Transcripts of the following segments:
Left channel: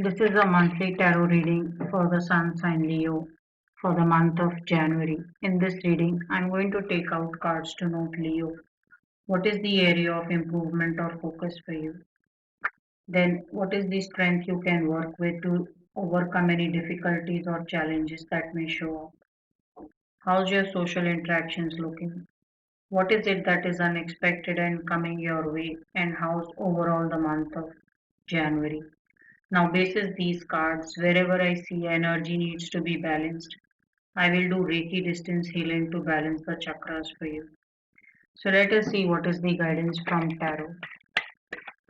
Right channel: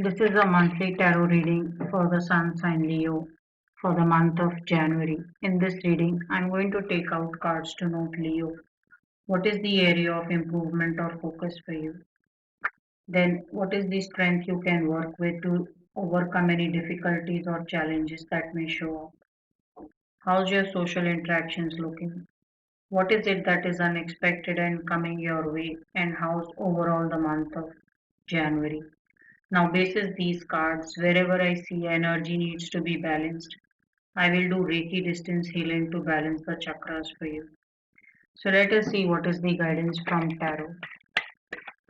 This is a monthly tarot reading for the Sun sign Leo for the month of January. In this reading, I'm going to take out cards to note Leo. What is the area of improvement or focus for you? Then, what is the strength you can work with to overcome any difficulties or challenges that may show up? How's your social interactions looking? What is it that is unexpected and coming your way? And how's overall the month of January? Now, basis these cards, wherever I see energy needs to be balanced, I will do Reiki distance healing to balance the chakras for you. So let us see what is the guidance from tarot.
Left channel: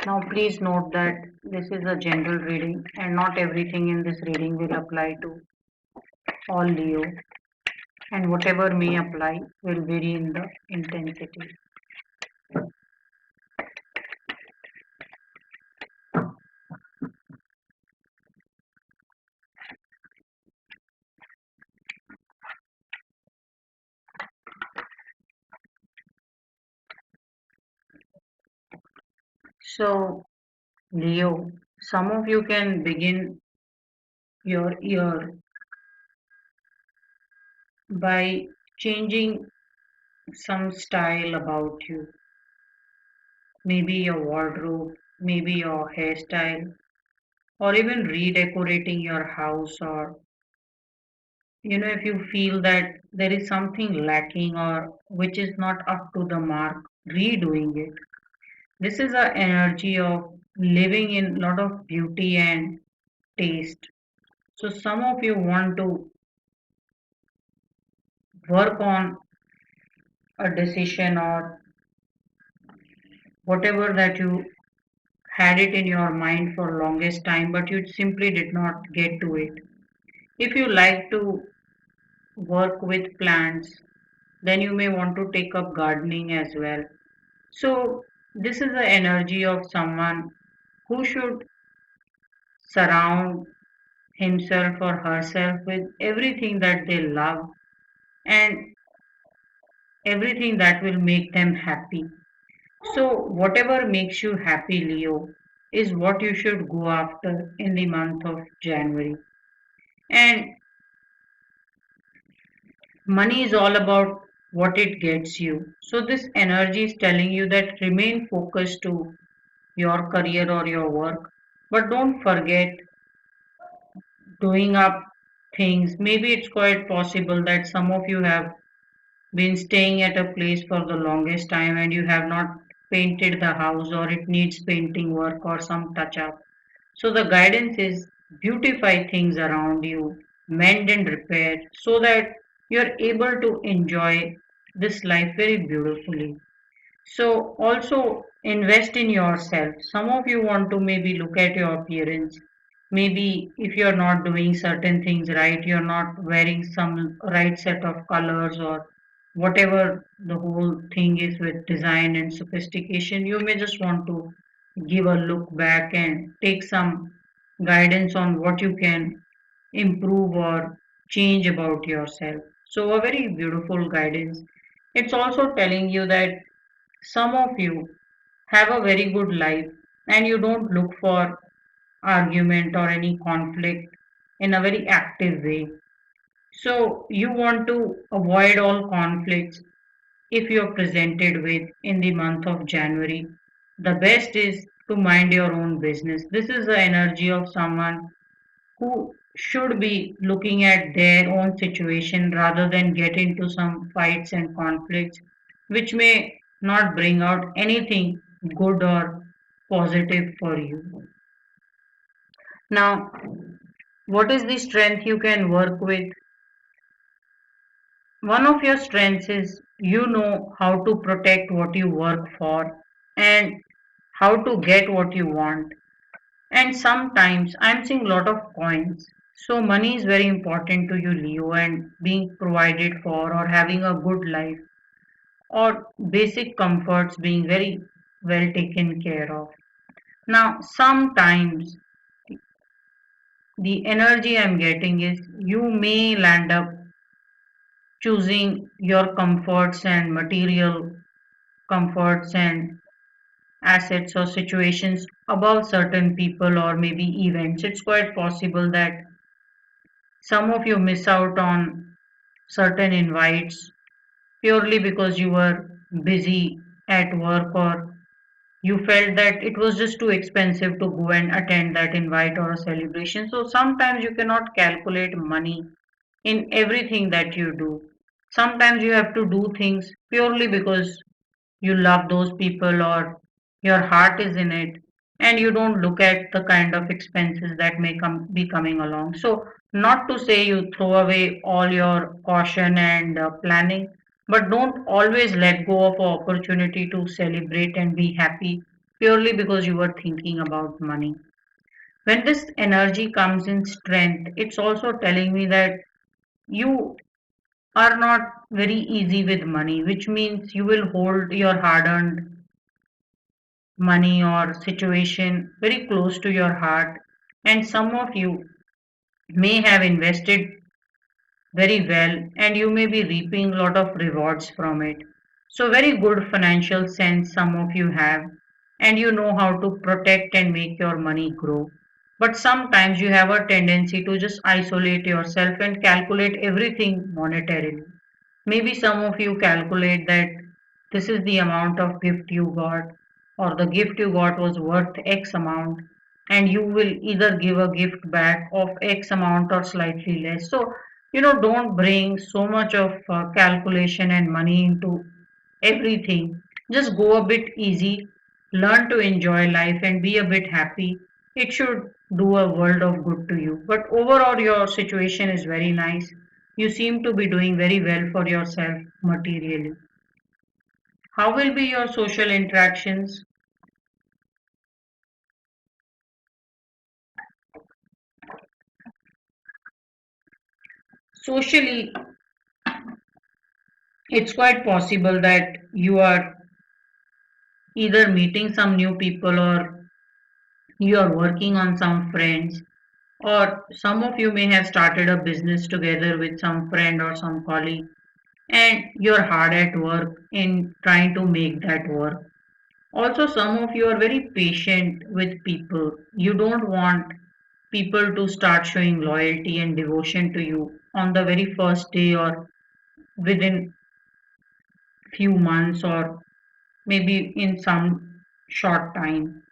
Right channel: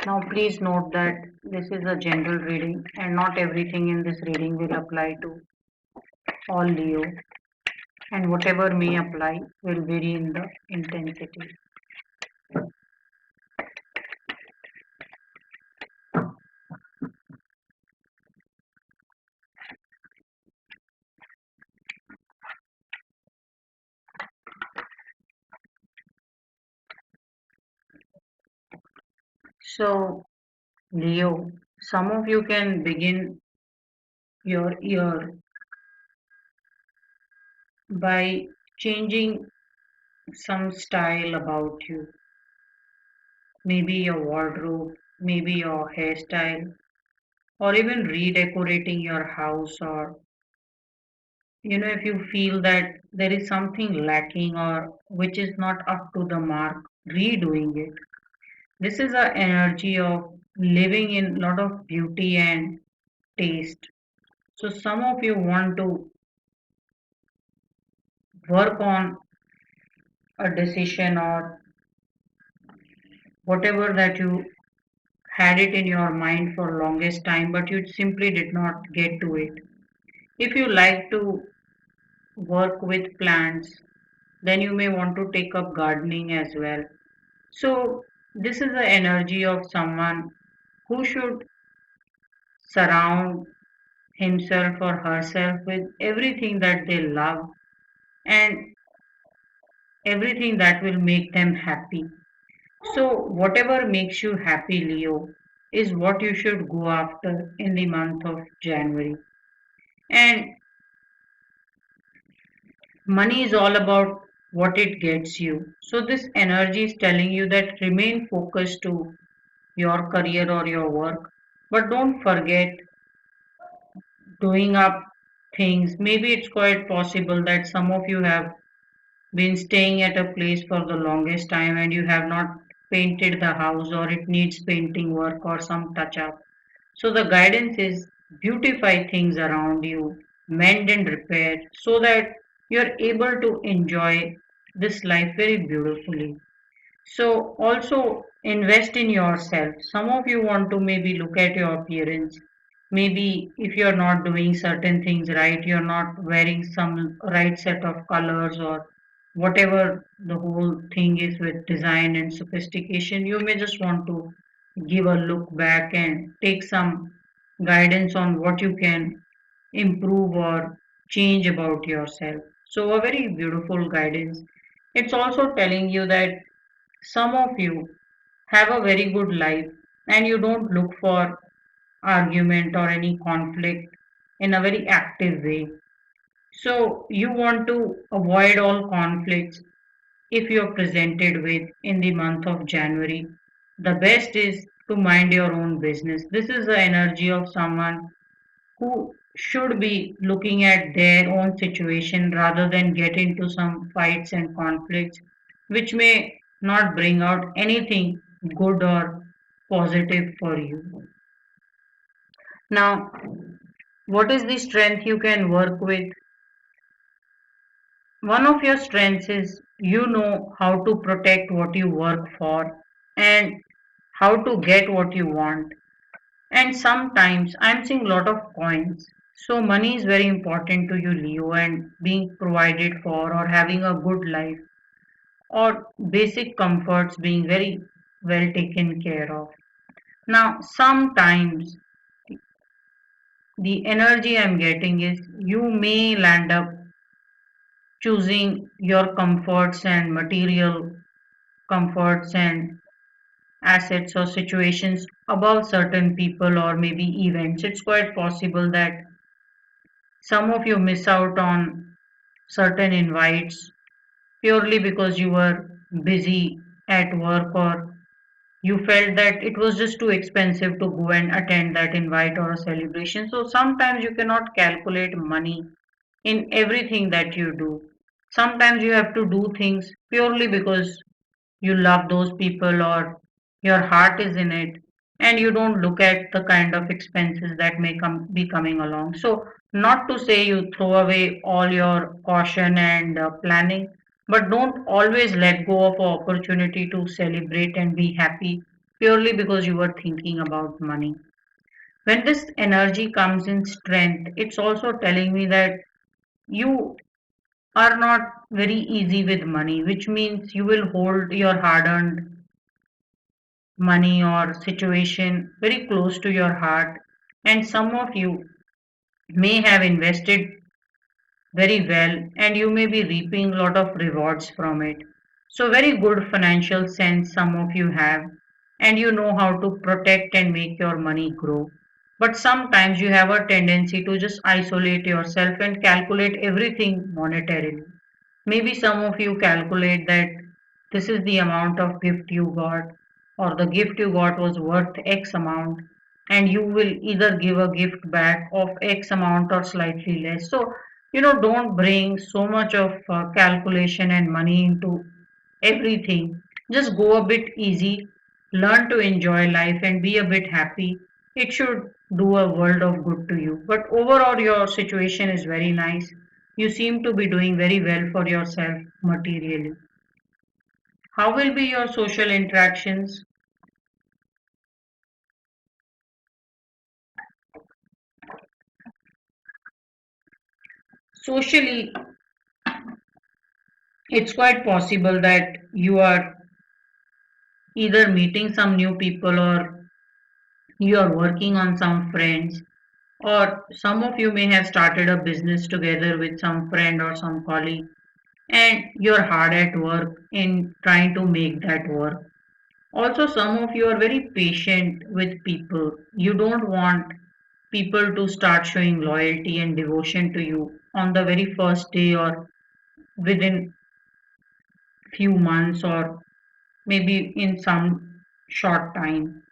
Now, please note that this is a general reading and not everything in this reading will apply to all Leo, and whatever may apply will vary in the intensity. So, Leo, some of you can begin your year by changing some style about you. Maybe your wardrobe, maybe your hairstyle, or even redecorating your house, or if you feel that there is something lacking or which is not up to the mark, redoing it. This is a energy of living in a lot of beauty and taste. So some of you want to work on a decision or whatever that you had it in your mind for longest time, but you simply did not get to it. If you like to work with plants, then you may want to take up gardening as well. So this is the energy of someone who should surround himself or herself with everything that they love and everything that will make them happy. So whatever makes you happy, Leo, is what you should go after in the month of January. And money is all about what it gets you. So this energy is telling you that remain focused to your career or your work, but don't forget doing up things. Maybe it's quite possible that some of you have been staying at a place for the longest time and you have not painted the house or it needs painting work or some touch up. So the guidance is beautify things around you, mend and repair so that you're able to enjoy this life very beautifully. So also invest in yourself. Some of you want to maybe look at your appearance. Maybe if you're not doing certain things right, you're not wearing some right set of colors or whatever the whole thing is with design and sophistication, you may just want to give a look back and take some guidance on what you can improve or change about yourself. So a very beautiful guidance. It's also telling you that some of you have a very good life and you don't look for argument or any conflict in a very active way. So you want to avoid all conflicts if you're presented with in the month of January. The best is to mind your own business. This is the energy of someone who should be looking at their own situation rather than get into some fights and conflicts which may not bring out anything good or positive for you. Now, what is the strength you can work with? One of your strengths is you know how to protect what you work for and how to get what you want. And sometimes I'm seeing a lot of coins. So money is very important to you, Leo, and being provided for or having a good life or basic comforts being very well taken care of. Now, sometimes the energy I'm getting is you may land up choosing your comforts and material comforts and assets or situations above certain people or maybe events. It's quite possible that some of you miss out on certain invites purely because you were busy at work or you felt that it was just too expensive to go and attend that invite or a celebration. So sometimes you cannot calculate money in everything that you do. Sometimes you have to do things purely because you love those people or your heart is in it, and you don't look at the kind of expenses that may be coming along. So not to say you throw away all your caution and planning, but don't always let go of an opportunity to celebrate and be happy purely because you were thinking about money. When this energy comes in strength, it's also telling me that you are not very easy with money, which means you will hold your hard earned money or situation very close to your heart. And some of you may have invested very well and you may be reaping a lot of rewards from it. So, very good financial sense some of you have, and you know how to protect and make your money grow. But sometimes you have a tendency to just isolate yourself and calculate everything monetarily. Maybe some of you calculate that this is the amount of gift you got, or the gift you got was worth X amount, and you will either give a gift back of X amount or slightly less. So, don't bring so much of calculation and money into everything. Just go a bit easy, learn to enjoy life, and be a bit happy. It should do a world of good to you. But overall, your situation is very nice. You seem to be doing very well for yourself materially. How will be your social interactions? Socially, it's quite possible that you are either meeting some new people or you are working on some friends, or some of you may have started a business together with some friend or some colleague, and you're hard at work in trying to make that work. Also, some of you are very patient with people. You don't want people to start showing loyalty and devotion to you on the very first day or within few months or maybe in some short time.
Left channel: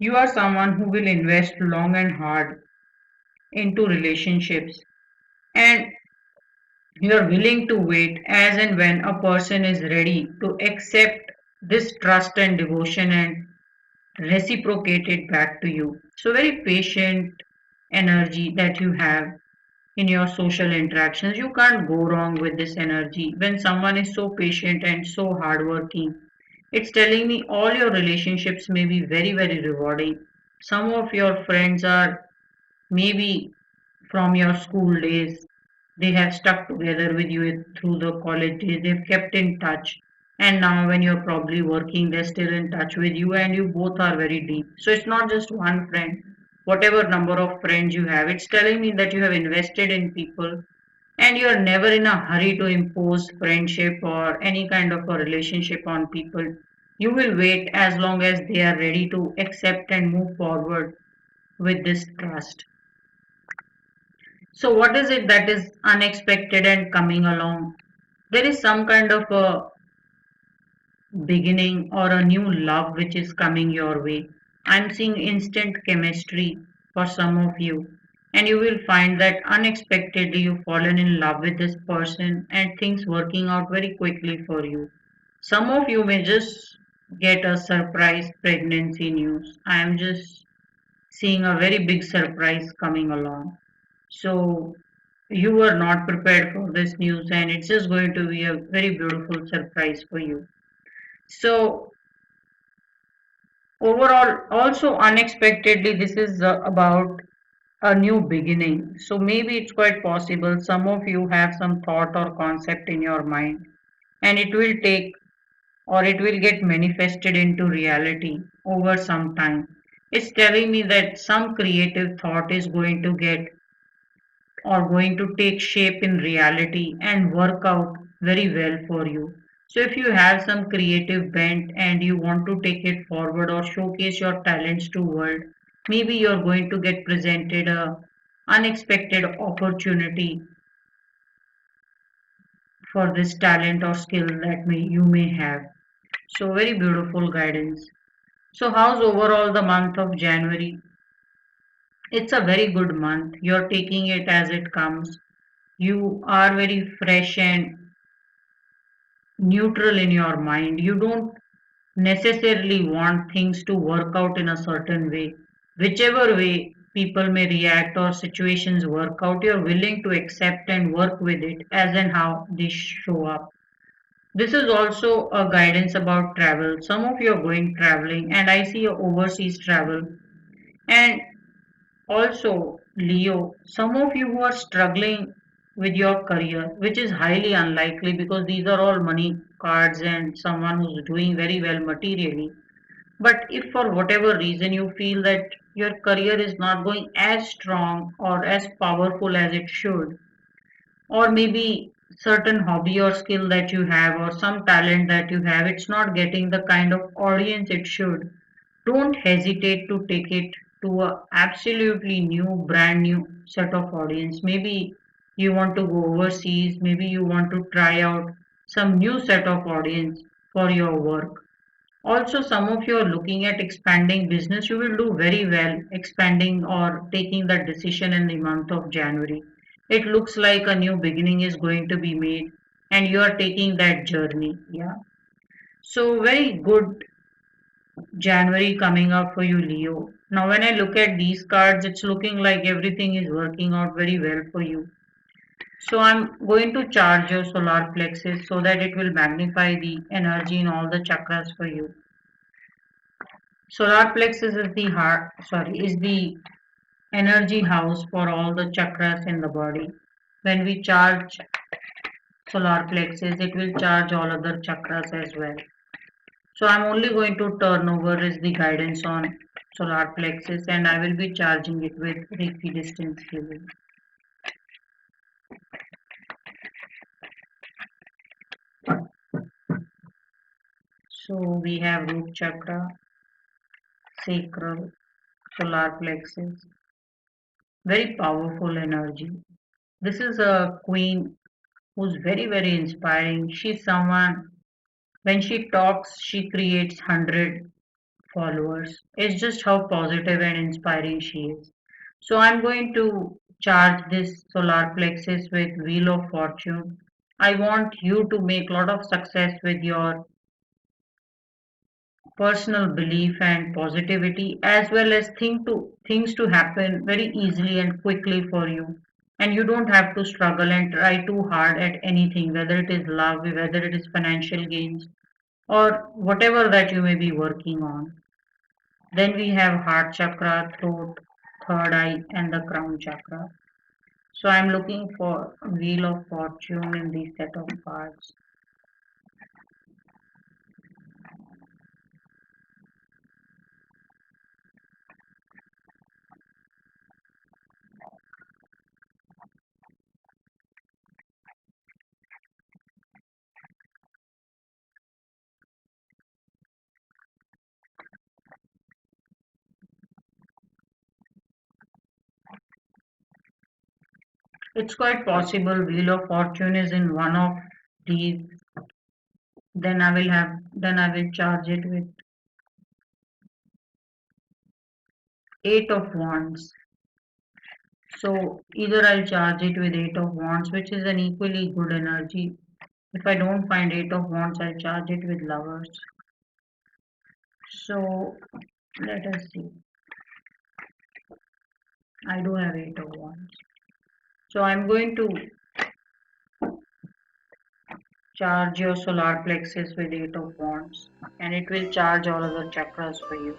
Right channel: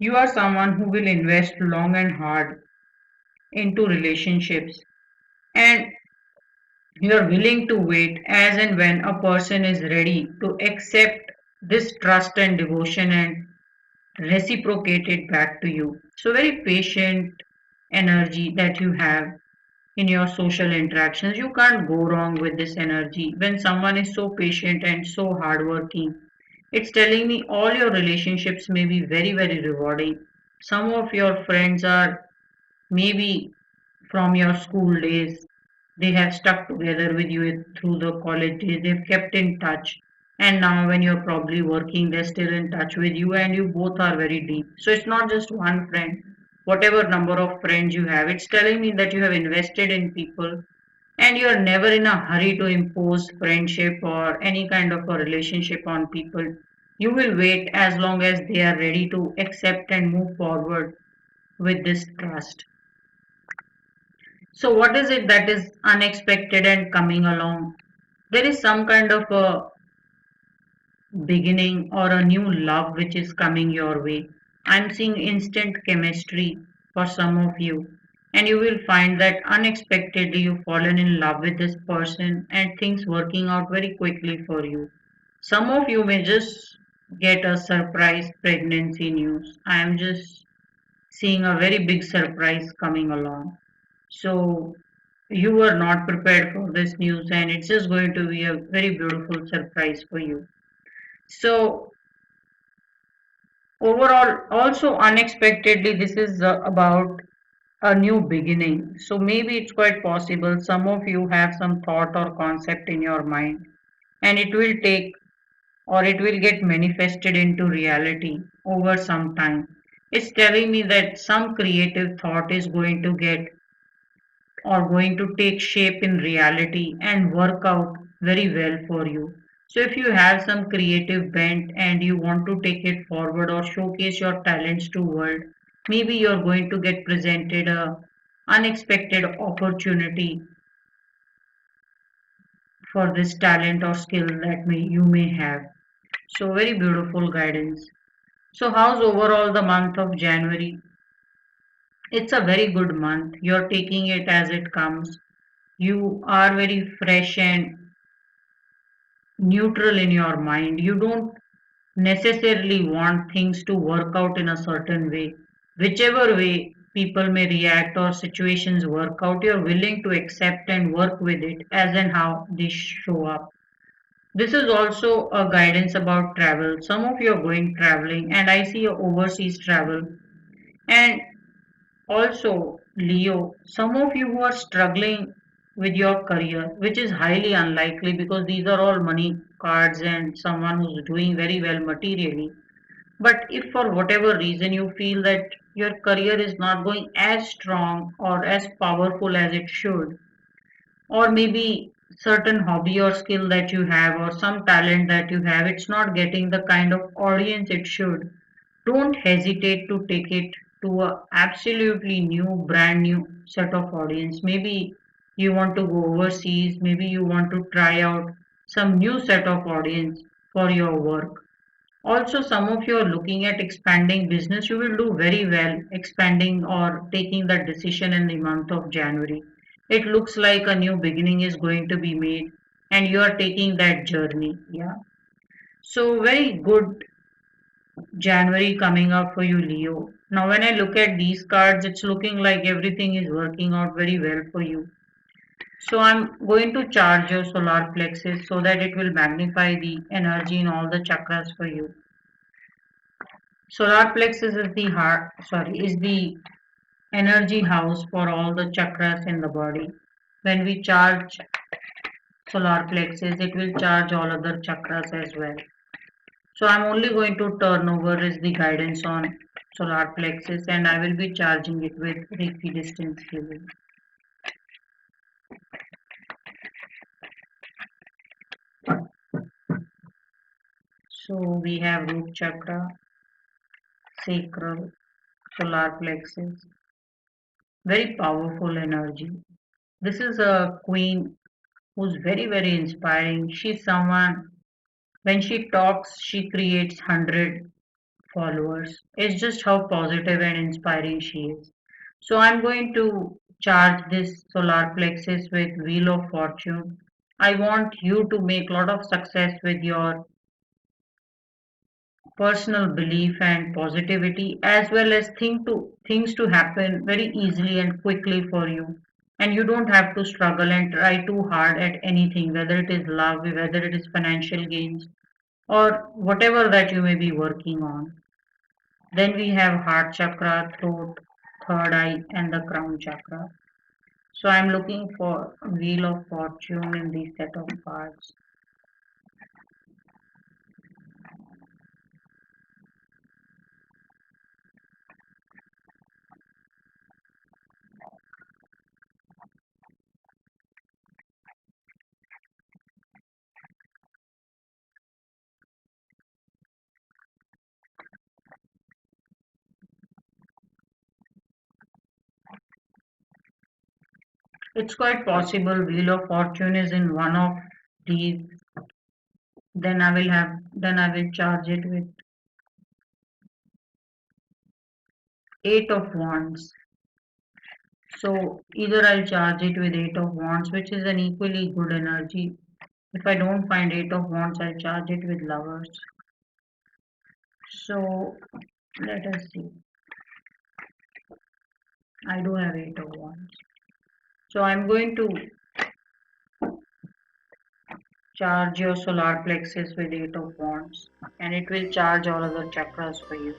You are someone who will invest long and hard into relationships, and you are willing to wait as and when a person is ready to accept this trust and devotion and reciprocate it back to you. So, very patient energy that you have in your social interactions. You can't go wrong with this energy. When someone is so patient and so hardworking, it's telling me all your relationships may be very, very rewarding. Some of your friends are maybe from your school days. They have stuck together with you through the college days. They've kept in touch. And now, when you're probably working, they're still in touch with you, and you both are very deep. So, it's not just one friend. Whatever number of friends you have, it's telling me that you have invested in people and you're never in a hurry to impose friendship or any kind of a relationship on people. You will wait as long as they are ready to accept and move forward with this trust. So, what is it that is unexpected and coming along? There is some kind of a beginning or a new love which is coming your way. I'm seeing instant chemistry for some of you, and you will find that unexpectedly you've fallen in love with this person and things working out very quickly for you. Some of you may just get a surprise pregnancy news. I am just seeing a very big surprise coming along. So you were not prepared for this news, and it's just going to be a very beautiful surprise for you. So overall, also unexpectedly, this is about a new beginning. So maybe it's quite possible some of you have some thought or concept in your mind, and it will take or it will get manifested into reality over some time. It's telling me that some creative thought is going to get or going to take shape in reality and work out very well for you. So if you have some creative bent and you want to take it forward or showcase your talents to world, maybe you're going to get presented a unexpected opportunity for this talent or skill that you may have. So very beautiful guidance. So how's overall the month of January? It's a very good month. You're taking it as it comes. You are very fresh and neutral in your mind. You don't necessarily want things to work out in a certain way. Whichever way people may react or situations work out, you're willing to accept and work with it as and how they show up. This is also a guidance about travel. Some of you are going traveling, and I see a overseas travel. And also, Leo, some of you who are struggling with your career, which is highly unlikely because these are all money cards and someone who's doing very well materially. But if for whatever reason you feel that your career is not going as strong or as powerful as it should, or maybe certain hobby or skill that you have or some talent that you have, it's not getting the kind of audience it should, don't hesitate to take it to a absolutely new brand new set of audience. Maybe you want to go overseas, maybe you want to try out some new set of audience for your work. Also, some of you are looking at expanding business. You will do very well expanding or taking that decision in the month of January. It looks like a new beginning is going to be made and you are taking that journey. Yeah. So, very good January coming up for you, Leo. Now, when I look at these cards, it's looking like everything is working out very well for you. So, I'm going to charge your solar plexus so that it will magnify the energy in all the chakras for you. Solar plexus is the heart, sorry, is the energy house for all the chakras in the body. When we charge solar plexus, it will charge all other chakras as well. So I'm only going to turn over is the guidance on solar plexus and I will be charging it with Reiki distance healing. So we have root chakra, sacral, solar plexus, very powerful energy. This is a queen who's very, very inspiring. She's someone, when she talks, she creates 100 followers. It's just how positive and inspiring she is. So I'm going to charge this solar plexus with Wheel of Fortune. I want you to make a lot of success with your personal belief and positivity as well as things to happen very easily and quickly for you, and you don't have to struggle and try too hard at anything, whether it is love, whether it is financial gains, or whatever that you may be working on. Then we have heart chakra, throat, third eye, and the crown chakra. So I'm looking for Wheel of Fortune in these set of cards. It's quite possible Wheel of Fortune is in one of these. Then I will charge it with Eight of Wands. So either I'll charge it with Eight of Wands, which is an equally good energy. If I don't find Eight of Wands, I'll charge it with Lovers. So let us see. I do have Eight of Wands. So I'm going to charge your solar plexus with Eight of Wands, and it will charge all other chakras for you.